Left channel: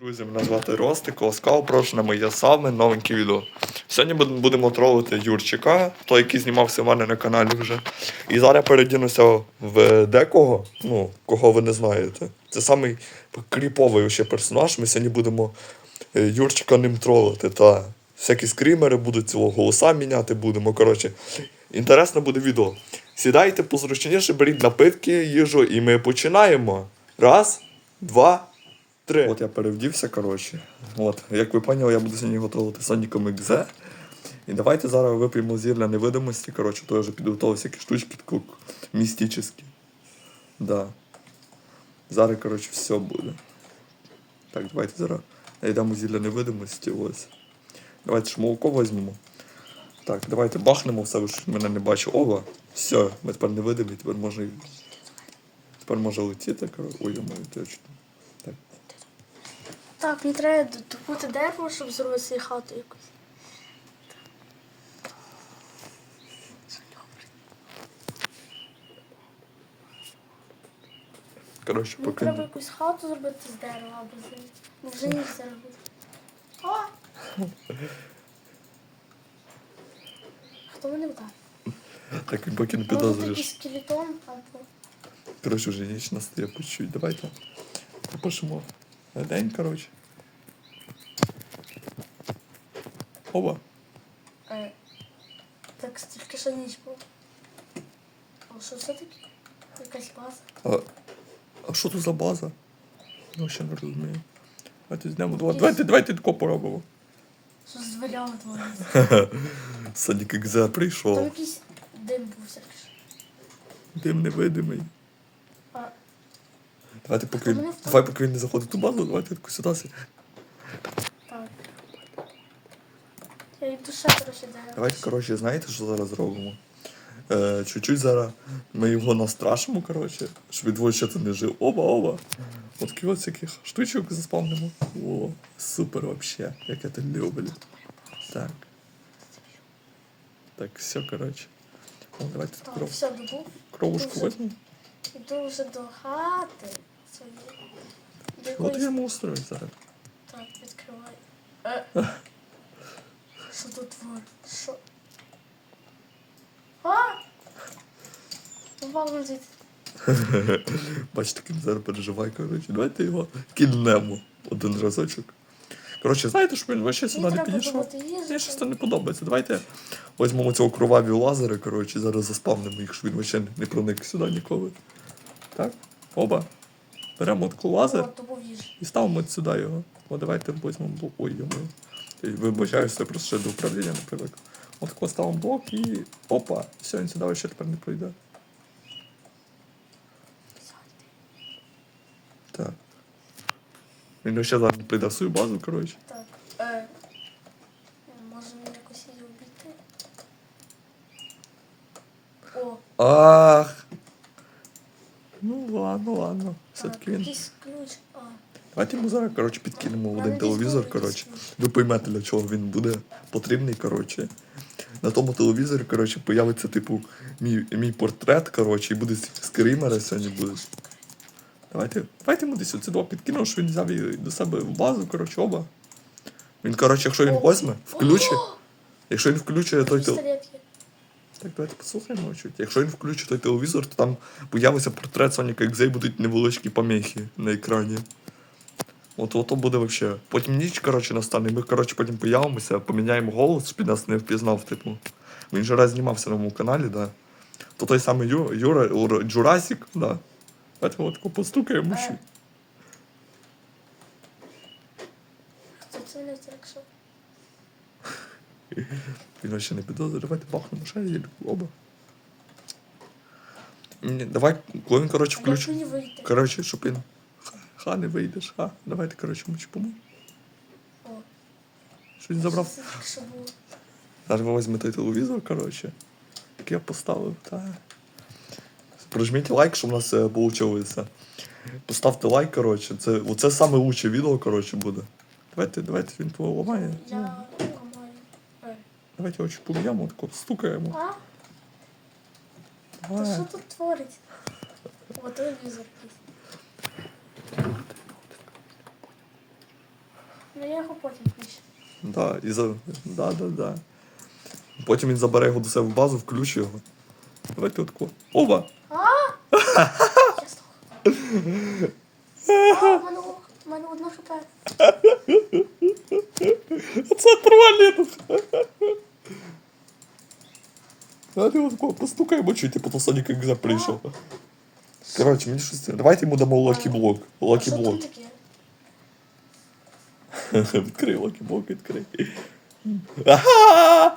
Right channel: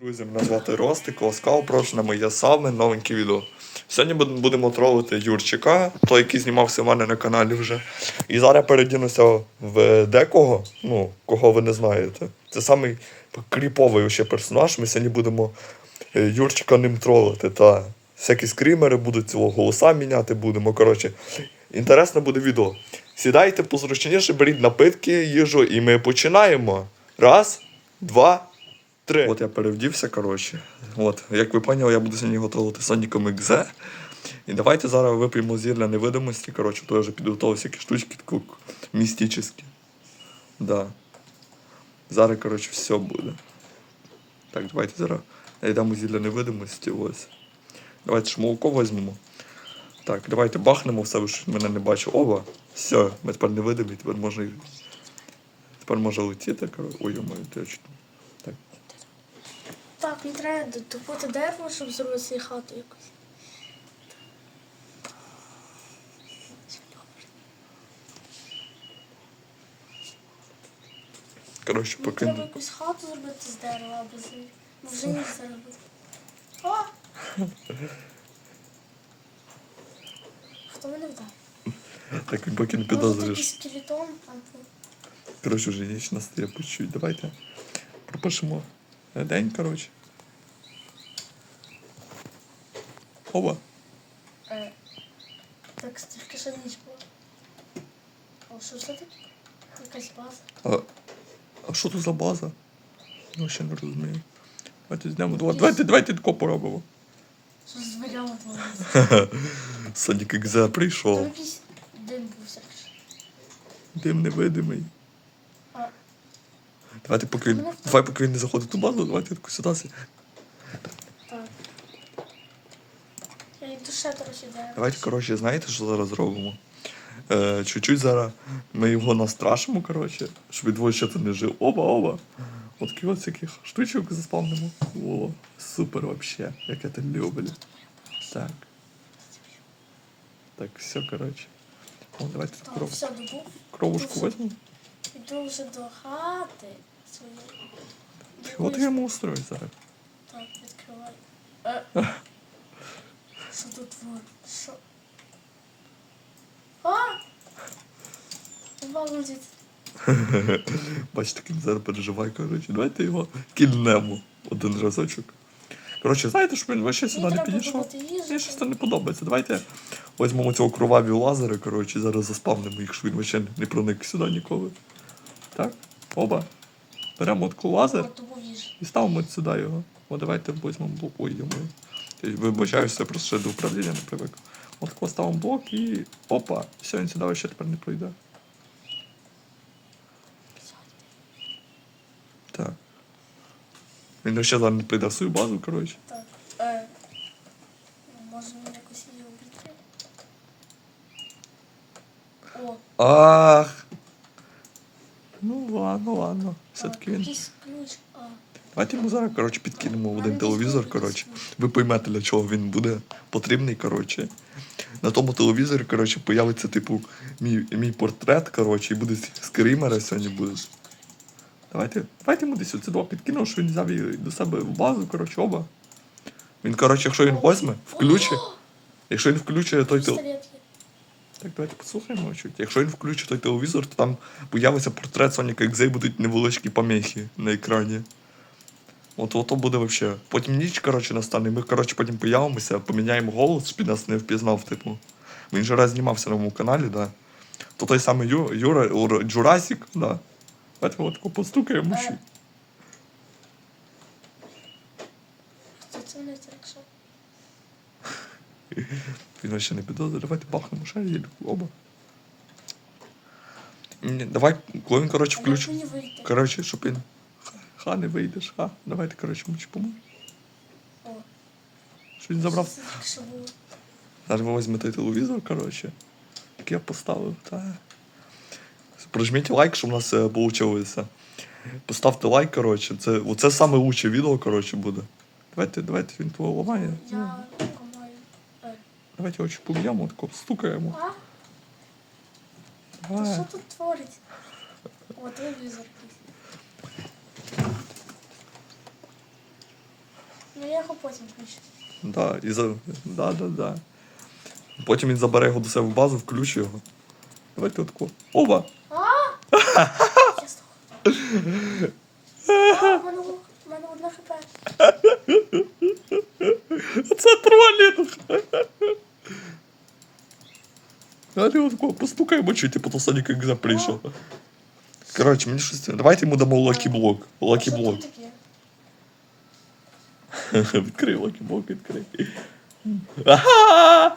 Друзі, мене звати Ростик, ласкаво прошу на моє саме новеньке відео. Сьогодні будемо тролити Юрчика, той, який знімався в мене на каналі вже. І зараз передінуся в декого, ну, кого ви не знаєте. Це самий кріповий ще персонаж. Ми сьогодні будемо е, Юрчика ним тролити. Та всякі скрімери будуть цього голоса міняти будемо. Коротше, інтересне буде відео. Сідайте позручніше, беріть напитки, їжу, і ми починаємо. Раз, два, Три. От я перевдівся, коротше. От, як ви поняли, я буду сьогодні готувати Соніком XZ. І давайте зараз вип'ємо зілля невидимості. Коротше, то я вже підготував всякі штучки такі містичні. Да. Зараз, коротше, все буде. Так, давайте зараз знайдемо зілля невидимості. Ось. Давайте ж молоко візьмемо. Так, давайте бахнемо все, ж мене не бачу. Оба. Все, ми тепер невидимі, тепер можна. Тепер може летіти, коротше. Ой, моє точно. Так. Мені треба добути дерево, щоб зробити хату якусь. Коротше, поки. треба якусь хату зробити з дерева або з ні з дерева. О! Хто мене вдає? Так він поки не підозрюєш. скелетон або... Коротше, вже ніч настає по чуть. Давайте пропишемо день, коротше. Оба. Е, так, тільки ще ніч була. А що все таке? Якась база. А, що тут за база? Ну, ще не розумію. Давайте знемо два. Давайте, давайте тако поробимо. Що з дверями твориться? Сонік XZ Там прийшов. якийсь дим був всякий. Дим невидимий. Давайте поки він. Давай, поки він не заходить в ту базу, давайте таку ситуацію. так. Я йду ще, коротше. Давайте, коротше, знаєте, що зараз зробимо? Е, чуть-чуть зараз ми його настрашимо, коротше, щоб двоє ще не жив. Оба, оба. От таких от всяких штучок заспавнимо. О, супер вообще, як я це люблю. Так. Так, все, коротше. О, давайте Так, кров, все, кровушку візьмемо. Іду вже до хати своєї. От я йому устрою зараз. Так, відкривай. Е. Що тут твор? Що? А! Бачите, як він зараз переживає, коротше. Давайте його кільнемо один разочок. Коротше, знаєте, щоб він вообще сюди не треба підійшов? добути їжу. Мені щось це не подобається. Давайте візьмемо цього кроваві лазери, коротше, зараз заспавнимо їх, щоб він вообще не проник сюди ніколи. Так? Оба. Беремо лазер От їжу. і ставимо сюди його. О, давайте візьмемо блок. Ой, йому. Вибачаюся, просто ще до управління не привик. От тако ставимо блок і. Опа! Все, він сюди вообще тепер не пройде. Так. Він вообще зараз не прийде в свою базу, коротше. Так. Е. Може мені якось її обійти? О, Ах. Ну ладно, ладно. Все-таки він. Давайте йому зараз, коротше, підкинемо один телевізор, коротше. Ви поймете, для чого він буде потрібний, коротше. На тому телевізорі, коротше, появиться, типу, мій, мій портрет, коротше, і буде скрімери сьогодні будуть. Давайте, давайте йому десь оце два підкинемо, що він взяв її до себе в базу, коротше, оба. Він, коротше, якщо він візьме, включить. Якщо він включує той телевізор. Так, давайте послухаємо чуть. Якщо він включить той телевізор, то там появиться портрет Соніка Екзе і будуть невеличкі помехи на екрані. От ото буде вообще. Потім ніч, коротше, настане. Ми, коротше, потім появимося, поміняємо голос, щоб нас не впізнав, типу. Він же раз знімався на моєму каналі, да. То той самий Ю, Юра, Ур- Джурасік, да. Давайте отако постукаємо. Е. ще. Хто це не так, що? Він вообще не підозрює. Давайте бахнемо ще її оба. Ні, Давай, коли він, коротше, вийти? Коротше, щоб він. Ха, ха не вийдеш, ха. Давайте, коротше, мені поможемо. Що він забрав. Зараз ви візьмете телевізор, коротше. Як я поставив, та. Прожміть лайк, щоб у нас вийшло. Поставте лайк, коротше. Це, оце саме лучше відео, коротше, буде. Давайте, давайте він того ламає. Я. Е. Давайте очі поб'ємо, тако стукаємо. А? Та що тут творить? О, телевізор. Ну я його потім включу. Да, і за... да, да, да. Потім він забере його до себе в базу, включить його. Давайте отко. Здох. А, в мене, в мене одне хп. Це тролінг! Далі отко, постукаємо чуть, типу, то Сонік як прийшов. Коротше, мені щось. Давайте йому дамо лакі-блок. Лакі-блок. таке? Відкрий лакі-блок, відкрий. Ага!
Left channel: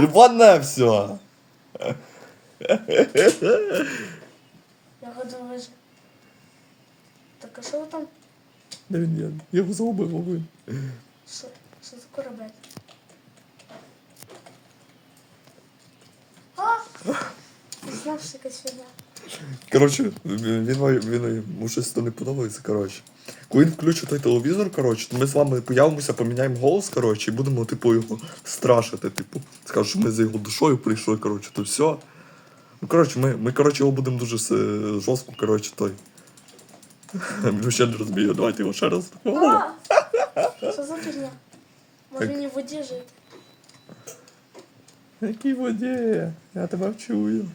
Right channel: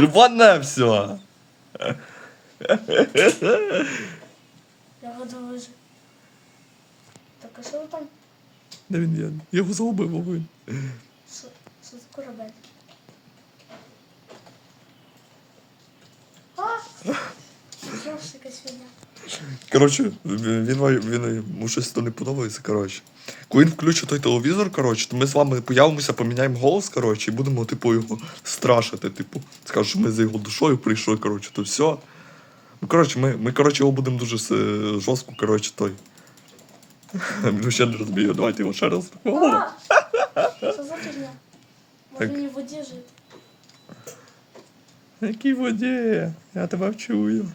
Рване все! я воду вижив. Так, а що там? Де він є? Я його загубив, Вовин. Що, що за корабель? А! Знову ж. Коротше, він, він, йому щось то не подобається, коротше. Коли він включить той телевізор, коротше, то ми з вами появимося, поміняємо голос, коротше, і будемо, типу, його страшити, типу. Скажуть, що ми за його душою прийшли, коротше, то все. Ну, коротше, ми, ми коротше, його будемо дуже жорстко, коротше, той. Він ще не розуміє, давайте його ще раз. Що за фігня? Може мені в воді жити? Якій воді? Я тебе вчую.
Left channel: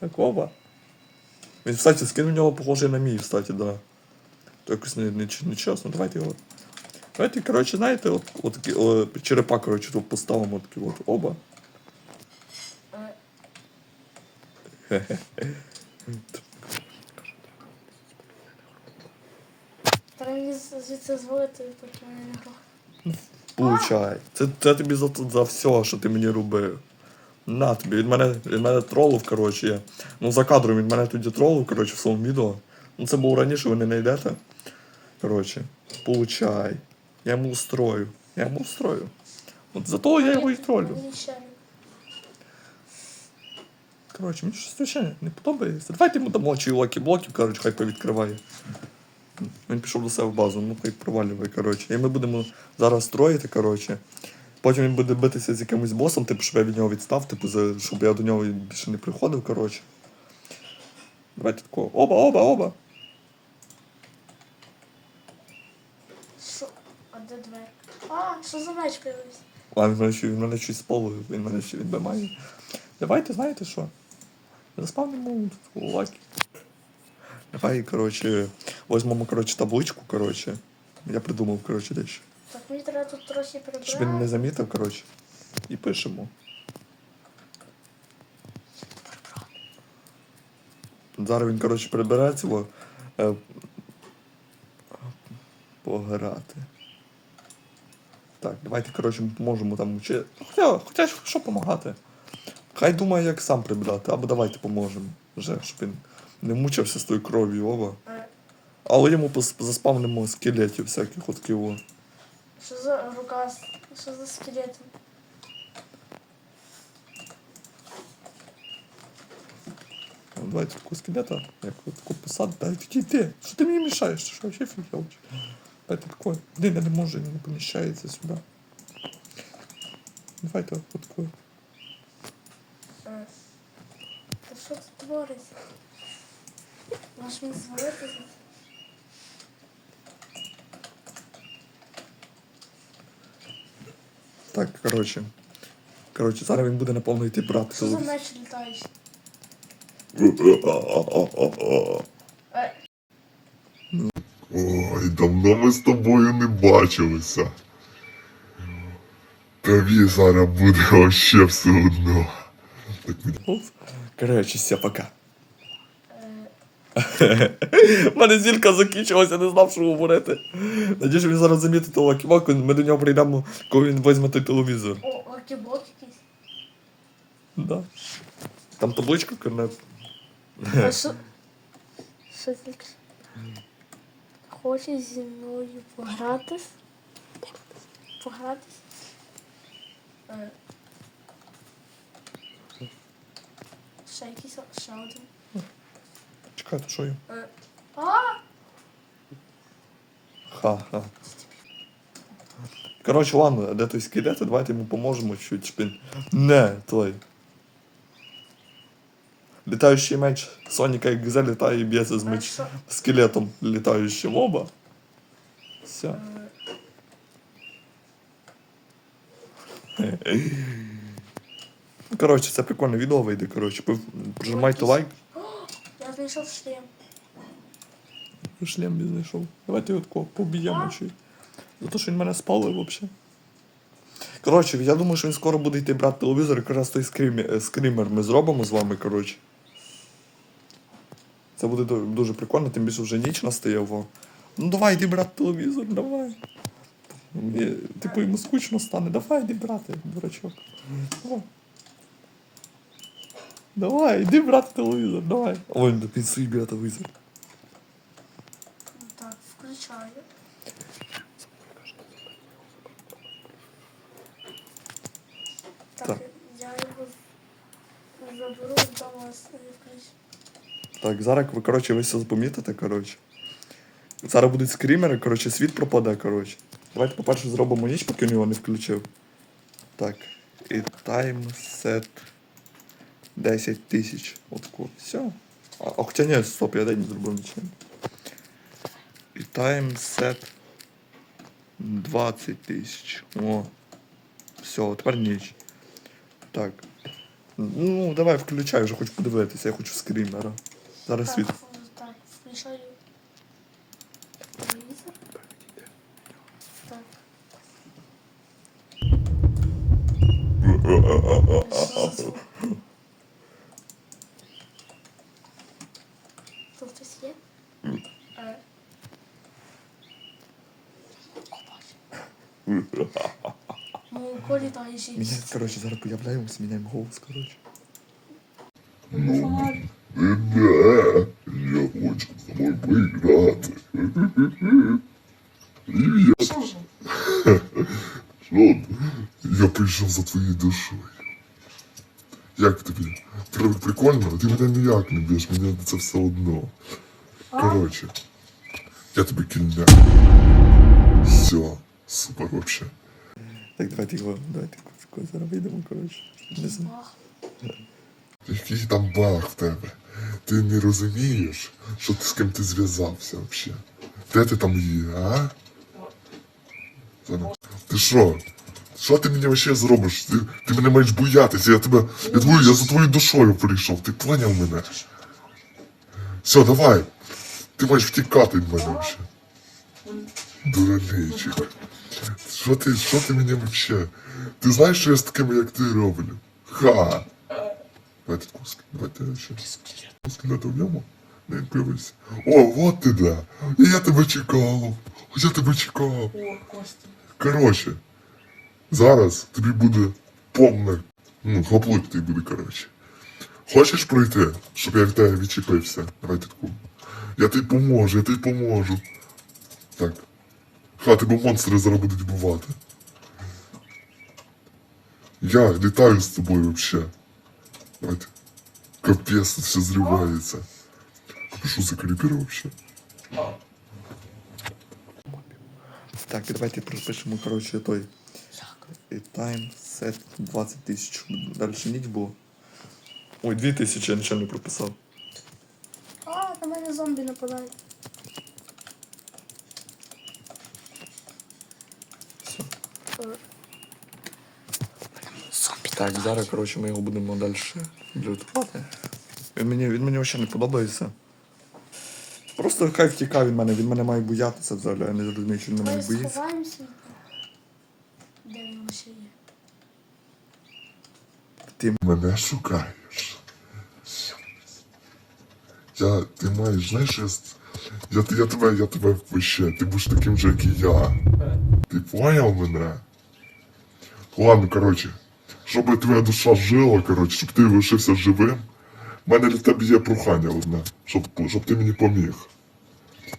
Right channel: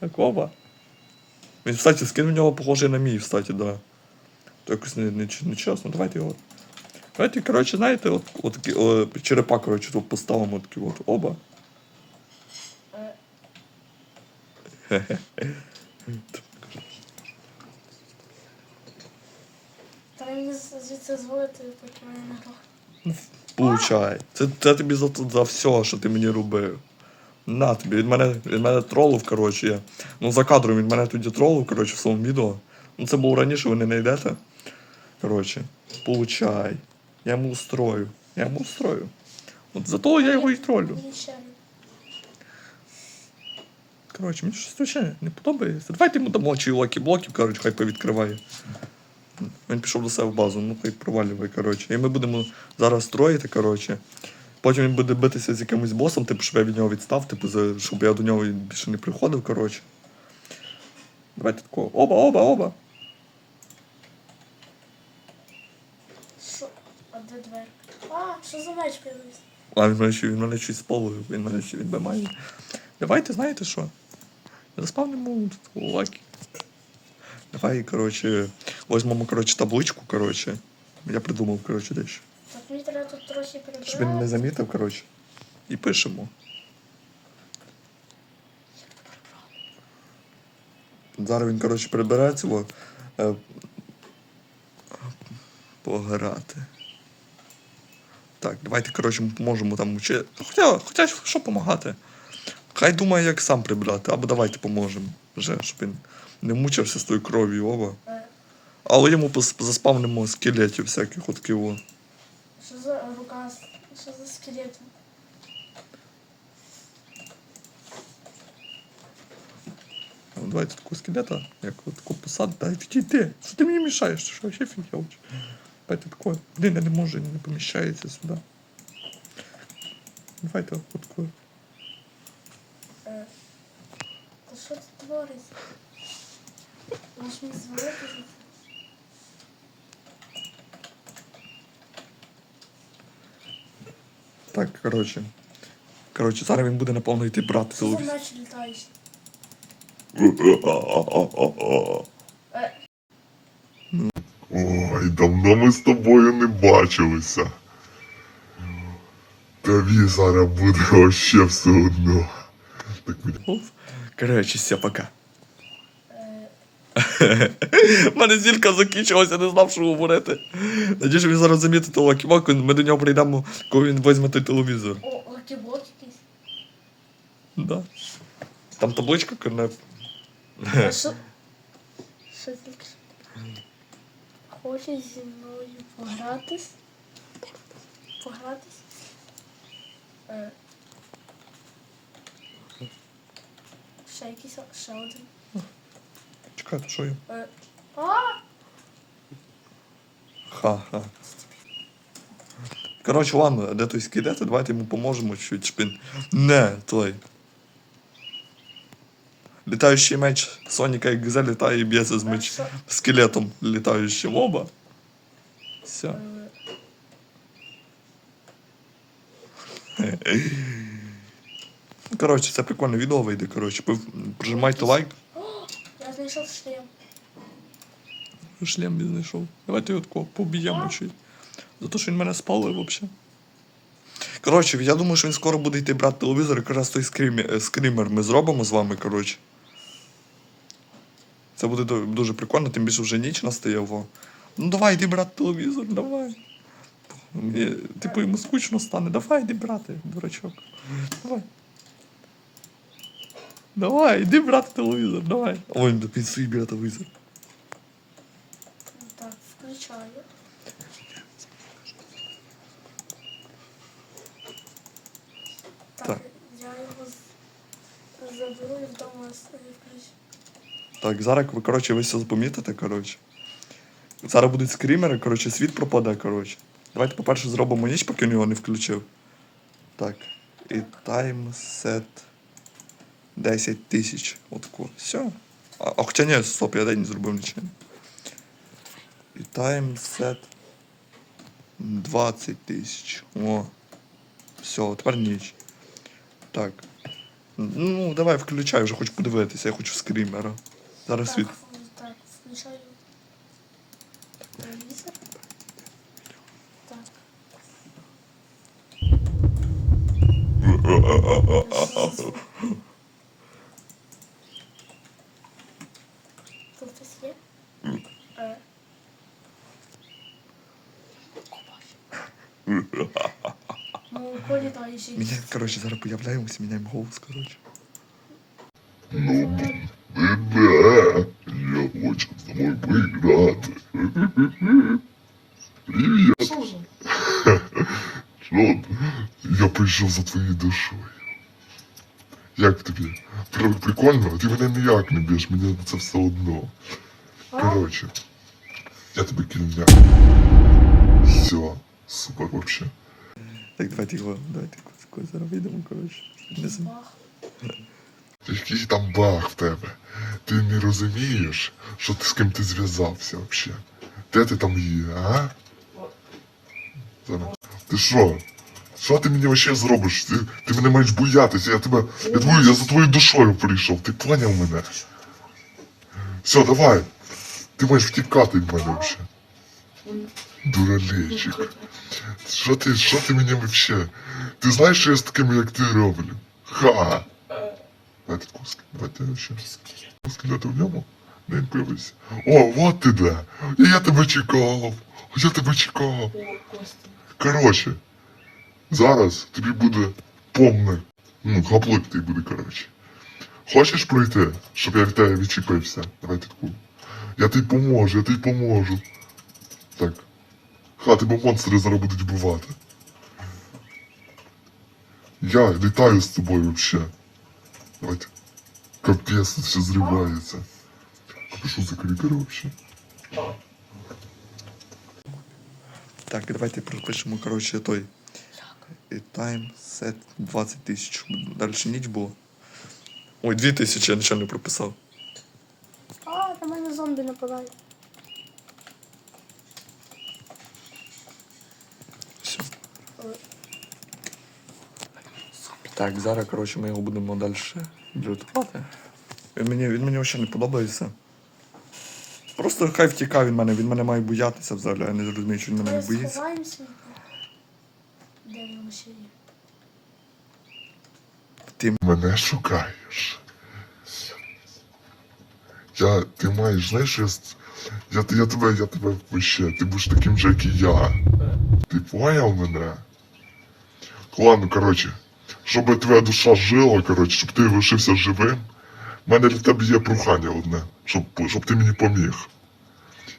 Якова? Він, кстати, скин в нього похожий на мій, кстати, да. То якось не, не, не чесно. Давайте його. Давайте, коротше, знаєте, от, от такі, о, черепа, коротше, тут поставимо такі от оба. Е, Треба мені з- звідси зволити, поки мене не грох. Получай. Це, це тобі за, за все, що ти мені робив. На тобі, він мене, він мене тролив, коротше. Я. Ну, за кадром він мене тоді тролив, коротше, в своєму відео. Ну, це було раніше, ви не знайдете. Коротше, получай. Я йому устрою. Я йому устрою. От за того я його і тролю. Коротше, мені щось не подобається. Давайте йому дамо чи лакі-блоків, коротше, хай повідкриває. Він пішов до себе в базу, ну хай провалює, коротше. І ми будемо зараз строїти, коротше. Потім він буде битися з якимось босом, типу, щоб я від нього відстав, типу, за- щоб я до нього більше не приходив, коротше. Давайте такого. Оба, оба, оба. Що? А де двері? А, що за меч появився? А він мене, він мене щось спалив, він мене ще відбиває. Давайте, знаєте що? Заспавнимо тут лаки. Давай, коротше, візьмемо, коротше, табличку, коротше. Я придумав, коротше, дещо. Так мені треба тут трохи прибрати. Щоб він не замітив, коротше. І пишемо. Зараз він, коротше, прибере цього. Е, пограти. Так, давайте, коротше, ми поможемо там учи. Хоча, хоча що допомагати? Хай думає, як сам прибрати, або давайте поможемо. Вже, щоб він не мучився з тою кров'ю оба. Але йому заспавнимо скелетів всяких от ківо. Що за рука? Що за скелети? Ну, Давайте такого скелета, як таку посаду. Дай відійди. Що ти мені мішаєш? Що вообще фігелч? Давайте такое. Блін, я не можу, не поміщається сюди. Давайте от такое. Та що це твориться? Можеш мені звалити? Так, коротше. Коротше, зараз він буде напевно йти брати Що за телевізор. меч літаючий? Е, Ой, давно ми з тобою не бачилися. Тобі зараз буде вообще все одно. Так, Коротше, все, пока. У мене зілька закінчилася, не знав, що говорити. Надіюсь, він зараз замітить того ківаку, ми до нього прийдемо, коли він візьме той телевізор. О, лакіблок якийсь. Да. Там табличка Що? Що тільки? Хочеш зі мною погратись? Погратись? Е. Ще якийсь, ще один. Чекай, то що є? Ха-ха. Коротше, ладно, де той скидати, давайте йому поможемо чуть шпин. Не, той. Літаючий меч Соніка як Гзе літає і б'ється з меч скелетом літаючим оба. Все. Коротше, це прикольне відео вийде, коротше. Прижимайте лайк. Знайшов шлем. Шлем не знайшов. Давайте його такого поб'ємо чи. За те, що він мене спалив взагалі. Коротше, я думаю, що він скоро буде йти брати телевізор, якраз той скрімер, скрімер ми зробимо з вами, коротше. Це буде дуже прикольно, тим більше вже ніч настає. Во. Ну давай, йди брати телевізор, давай. Є- Типу йому скучно стане. Давай, йди брати, дурачок. Давай. Давай, йди брати телевізор, давай. Ой, він свій біля телевізор. Так, включаю. Так, Так. я його заберу вдома включу. Так, зараз ви, коротше, ви все помітите, коротше. Зараз будуть скрімери, коротше, світ пропаде, коротше. Давайте, по-перше, зробимо ніч, поки він його не включив. Так. І таймсет 10 тисяч. Отко. Все. А, а хоча ні, стоп, я день не зробив нічим. І таймсет 20 тисяч. О. Все, тепер ніч. Так. Ну, давай включай, вже хочу подивитися, я хочу скрімера. Зараз світ. Так, включаю телевізор. Так. Тут хтось є? Е. Ну, колі та і ще Міняємо, коротше, зараз появляємося, міняємо голос, коротше. Іде, я хочу з тобою поіграти. Привіт. Що? Я прийшов за твоєю душою. Як тобі? При- Прикольно? Ти мене ніяк не б'єш, мені це все одно. Коротше, я тебе кільня. Все, супер вообще. Так, давайте його, давайте його зараз вийдемо, коротше. Не знаю. Бах. Який там баг в тебе? Ти не розумієш, що ти з ким ти зв'язався взагалі? Де ти там є, а? Зана- Ти що? Що ти мені вообще зробиш? Ти, ти мене маєш боятися, я тебе. Я, твою, я за твоєю душою прийшов, ти поняв мене? Все, давай. Ти маєш втікати від мене вже. Дуралейчик. Що ти, що ти мені вообще? Ти знаєш, що я з такими, як ти роблю? Ха! Давайте куски, давайте ще раз. Куски в ньому? Не пивись. О, вот ти де. І я тебе чекав. Я тебе чекав. Коротше, зараз тобі буде повне. Ну, хлоплик ти буде, коротше. Хочеш пройти, щоб я в тебе відчепився? Давайте таку. Я тобі поможу, я тобі поможу. Так. Ха, тебе монстри зараз будуть вбивати. Я літаю з тобою вообще. Давайте. Капец, все зривається. Що за крипер вообще? Так, давайте пропишемо, коротше, той. І тайм сет 20 тисяч. Далі ніч було. Ой, 2 тисячі, я нічого не прописав. А, на мене зомбі нападають. Так, зараз, коротше, ми його будемо далі лютувати. Він мені, він мені взагалі не подобається. Просто хай втікає від мене, він мене має боятися взагалі. Я не зрозумію, що він мене боїться. Де він ще є? Мене шукаєш. Я, ти маєш, знаєш, я, я, я тебе, я тебе вообще, ти будеш таким же, як і я. Ти поняв мене? Ладно, коротше, щоб твоя душа жила, коротше, щоб ти лишився живим, в мене для тебе є прохання одне, щоб, щоб ти мені поміг.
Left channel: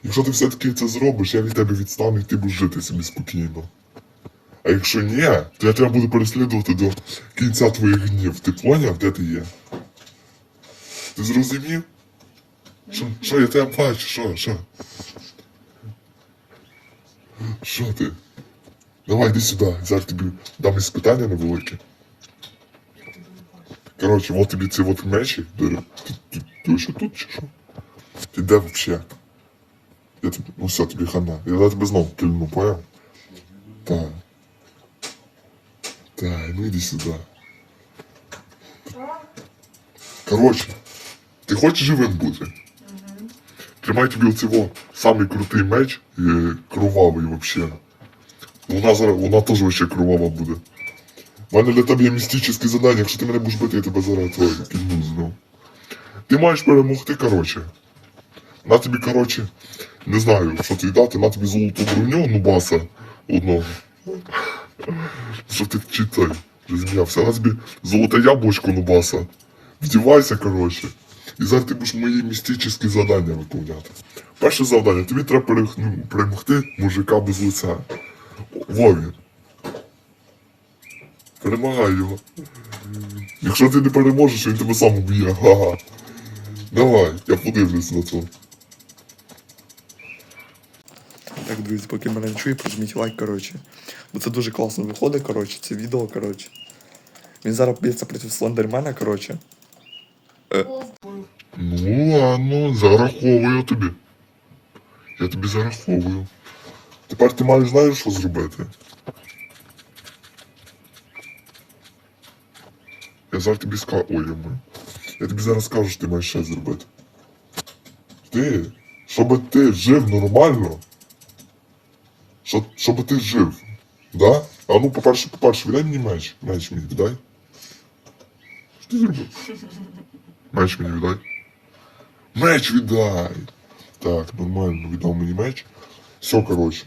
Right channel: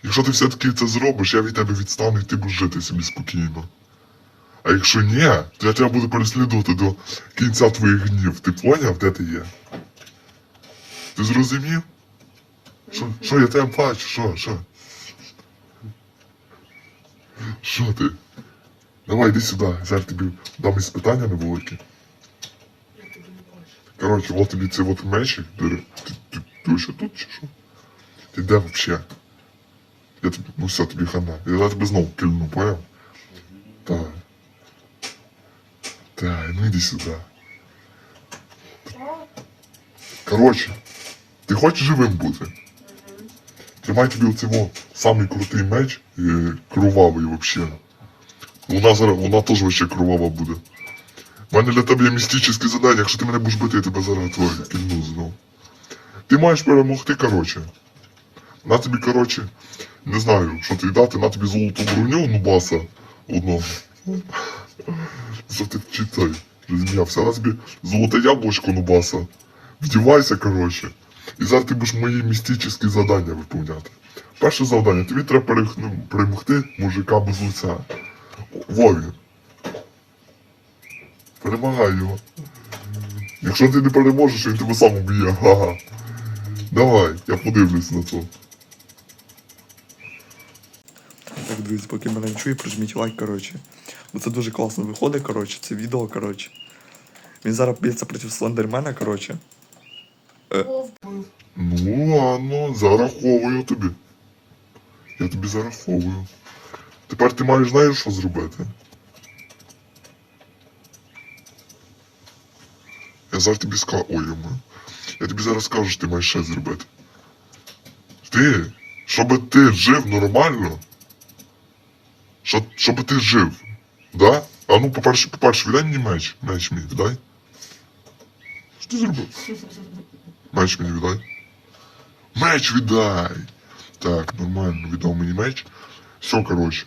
Якщо ти все-таки це зробиш, я від тебе відстану і ти будеш жити собі спокійно. А якщо ні, то я тебе буду переслідувати до кінця твоїх гнів. Ти поняв, де ти є? Ти зрозумів? Що, що я тебе бачу, що, що? Що ти? Давай йди сюди, зараз тобі дам із питання невелике. Коротше, от тобі ці от мечі. Ти, ти, ти, ти ще тут чи що? Ти де взагалі? Я тобі, ну все, тобі хана. Я тебе знову кильну, поняв? Так. Так, ну иди сюда. Короче, ти хочеш живим бути? Тримай тобі оцього самий крутий меч, е, кровавий вообще. Вона зараз, вона теж вообще кровава буде. У мене для тебе є містичне задання, якщо ти мене будеш бити, я тебе зараз твоє кільну знов. Ти маєш перемогти, короче. На тобі, короче, не знаю, що тобі дати, на тобі золоту броню, ну баса одного. Що ти читай, розм'явся. На тобі золоте яблучко, ну баса. Вдівайся, короче. І зараз ти будеш мої містичні завдання виконувати. Перше завдання, тобі треба ну, перемогти мужика без лиця. Вові. Перемагай його. Якщо ти не переможеш, він тебе сам уб'є. Ага. Давай, я подивлюсь на це. Так, друзі, поки мене не чує, прожміть лайк, коротше. Бо це дуже класно виходить, коротше, це відео, коротше. Він зараз б'ється проти Слендермена, коротше. Вовк. Ну ладно, зараховую тобі. Я тобі зараховую. Тепер ти маєш знаєш, що зробити. Я зараз тобі скажу. Ой, я маю. Я тобі зараз скажу, що ти маєш ще зробити. Ти, щоб ти жив нормально. Щоб, щоб ти жив. Да? А ну, по-перше, по-перше, віддай мені меч. Меч мені віддай. Що ти зробив? Меч мені віддай. Меч віддай. Так, нормально, віддав мені меч. Все, коротше.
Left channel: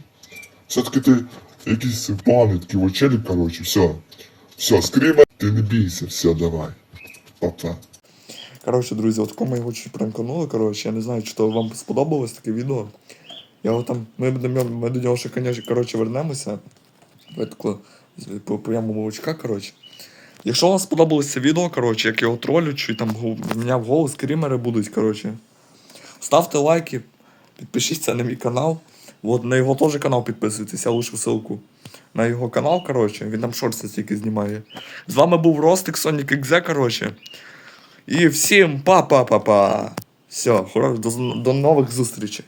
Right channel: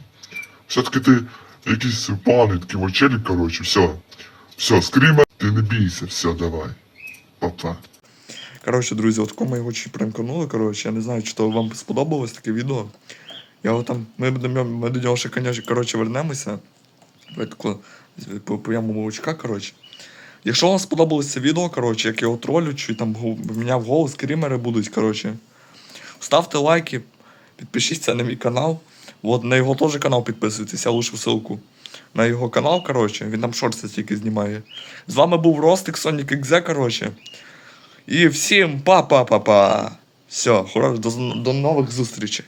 Все-таки ти якийсь поганий такий очелік, коротше, все. Все, скріма, ти не бійся, все, давай. Па-па. Коротше, друзі, от кому його чуть пранканули, коротше, я не знаю, чи то вам сподобалось таке відео. Я його там, ми, ми до нього ще, коротше, вернемося. Ви тако по молочка, коротше. Якщо вам сподобалось це відео, коротше, як його тролю, чи там міняв голос, скрімери будуть, коротше. Ставте лайки, підпишіться на мій канал. От на його теж канал підписуйтесь, я лишу ссылку. На його канал, коротше, він там шорти тільки знімає. З вами був Ростик, Сонік Екзе, коротше. І всім па-па-па-па. Все, хорош, до, до нових зустрічей.